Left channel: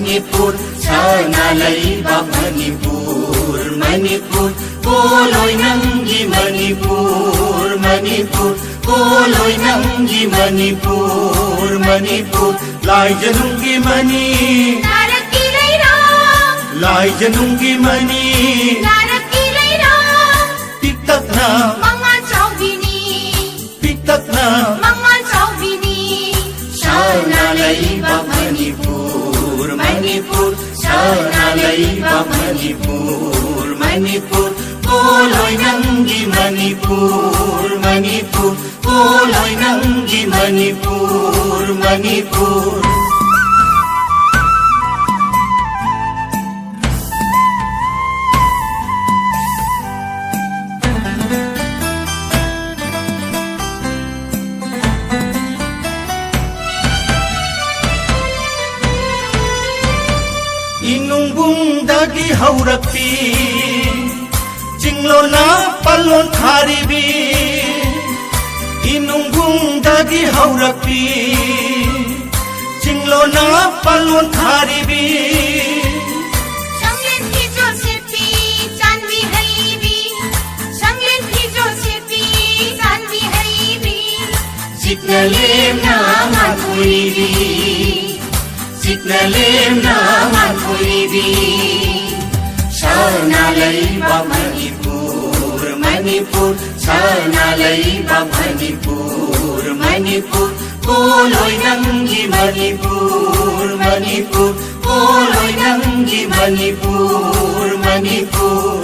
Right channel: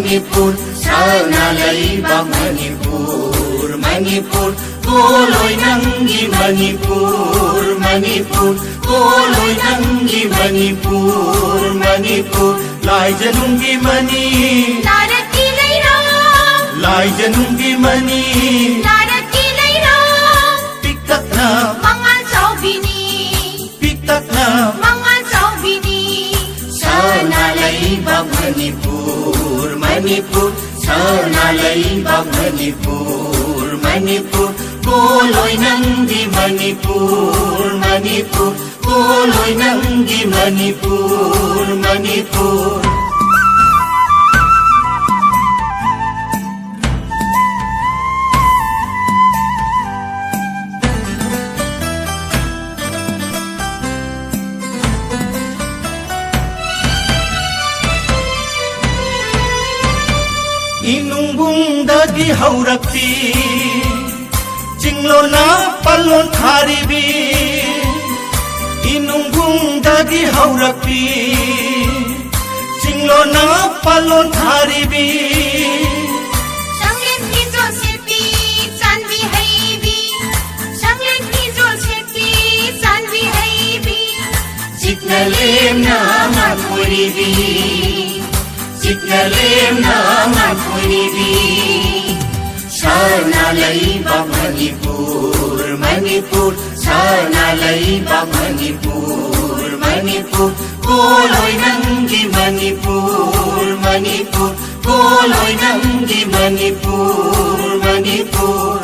Manipur, sana laibak Manipur, Manipur, tuloy nanggi Manipur, Manipur, tuloy nanggi Manipur, Manipur, lai janunggi mani, Narakiray na, lai janunggi mani, narakiray na, piktak na, mga Chaubini, piktak na, mga Chaubini, sana laibak Manipur, Manipur, sana laibak Manipur, Manipur, tuloy nanggi Manipur, Manipur, tuloy nanggi Manipur, Manipur. Inumbung dagi haurakti Jinglo na palon kharibi Inumbung dagi haurakti Jinglo na palon kharibi Sanglen ki Josepi, Chanvi Haibi, Sanglen ki Josepi, Chanvi Haibi, Jitnalem na manpuribi Jitnalem na manpuribi Sana laibak Manipur, Manipur, sana laibak Manipur, Manipur, tuloy nanggi Manipur, Manipur, tuloy nanggi Manipur, Manipur.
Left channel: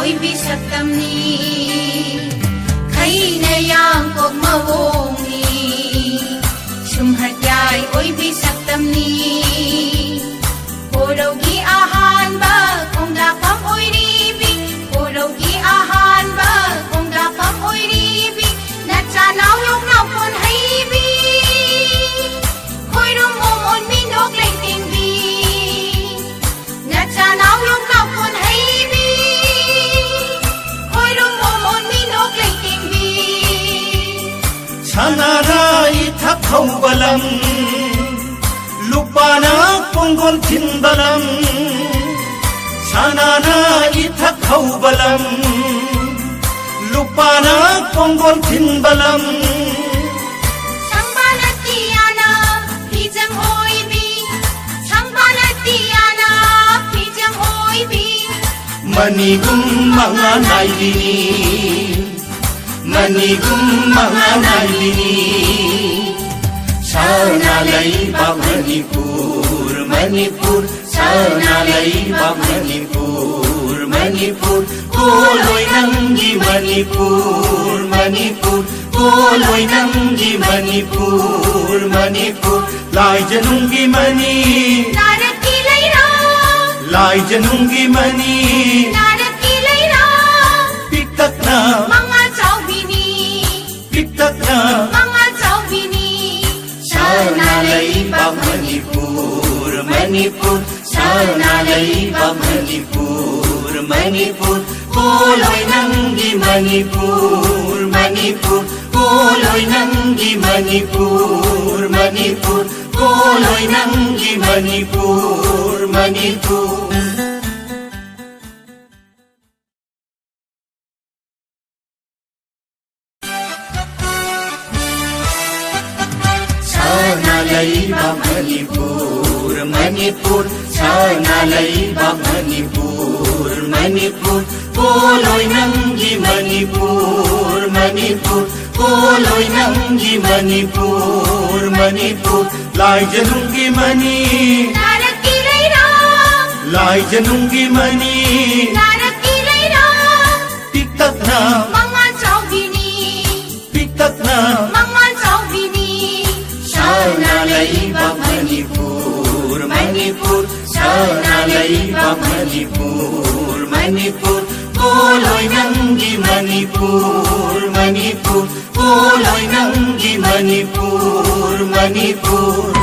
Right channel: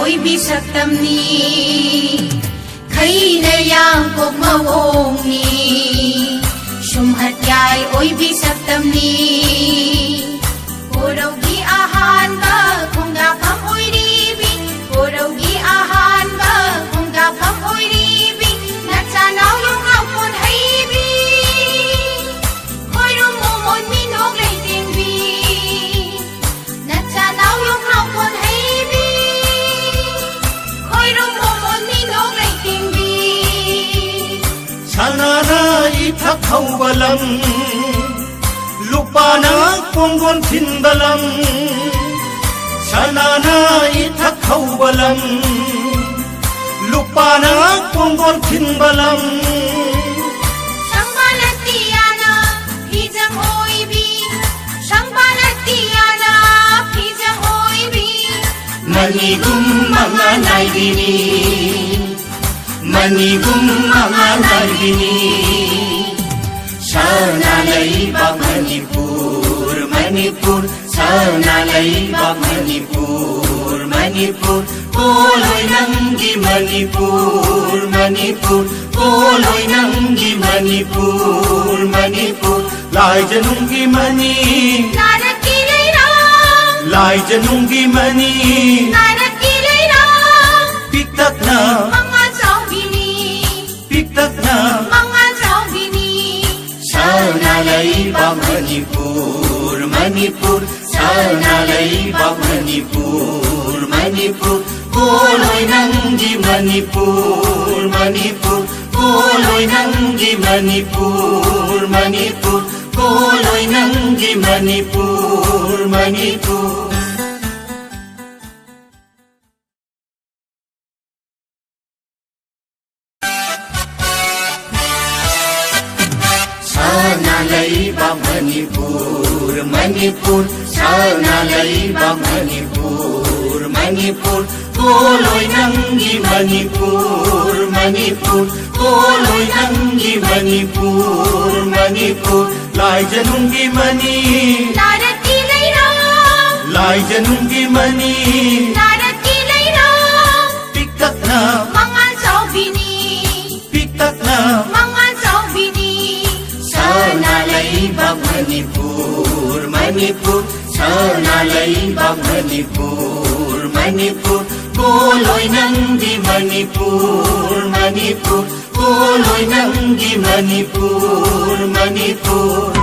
Oy bisaktam ni Kay na yang kog mawong ni Sumhatyay oy bisaktam ni Puraw gi ahan ba kung dakap oy ribi Puraw gi ahan ba kung dakap oy ribi Natsanaw yung hapon haybi Koy rumumon minog lay tingbi Natsanaw yung hapon haybi Sanara ithak haubalam Lupana konggon thinbalam Sanara ithak haubalam Lupana konggon thinbalam Sangpanatiyana pijam hoibi Sangpanatiyana pijam hoibi Manigum mga naibini Manigum mga naibini Sana laibak Manipur, Manipur, sana laibak Manipur, Manipur, tuloy nanggi Manipur, Manipur, tuloy nanggi Manipur, Manipur, lai janunggi mani, Narakiray na, lai janunggi mani, narakiray na, piktak na, mga Chaubini, piktak na, mga Chaubini, sana laibak Manipur, Manipur, sana laibak Manipur, Manipur, tuloy nanggi Manipur, Manipur, tuloy nanggi Manipur, Manipur, tuloy nanggi Manipur, Manipur. Laibak Manipur, Manipur, sana laibak Manipur, Manipur, tuloy nanggi Manipur, Manipur, tuloy nanggi Manipur, Manipur, lai janunggi mani, Narakiray na, lai janunggi mani, narakiray na, piktak na, mga Chaubini, piktak laiba Manipur, Manipur, sana laiba Manipur, Manipur, tuloy nanggi Manipur, Manipur, tuloy nanggi Manipur, Manipur.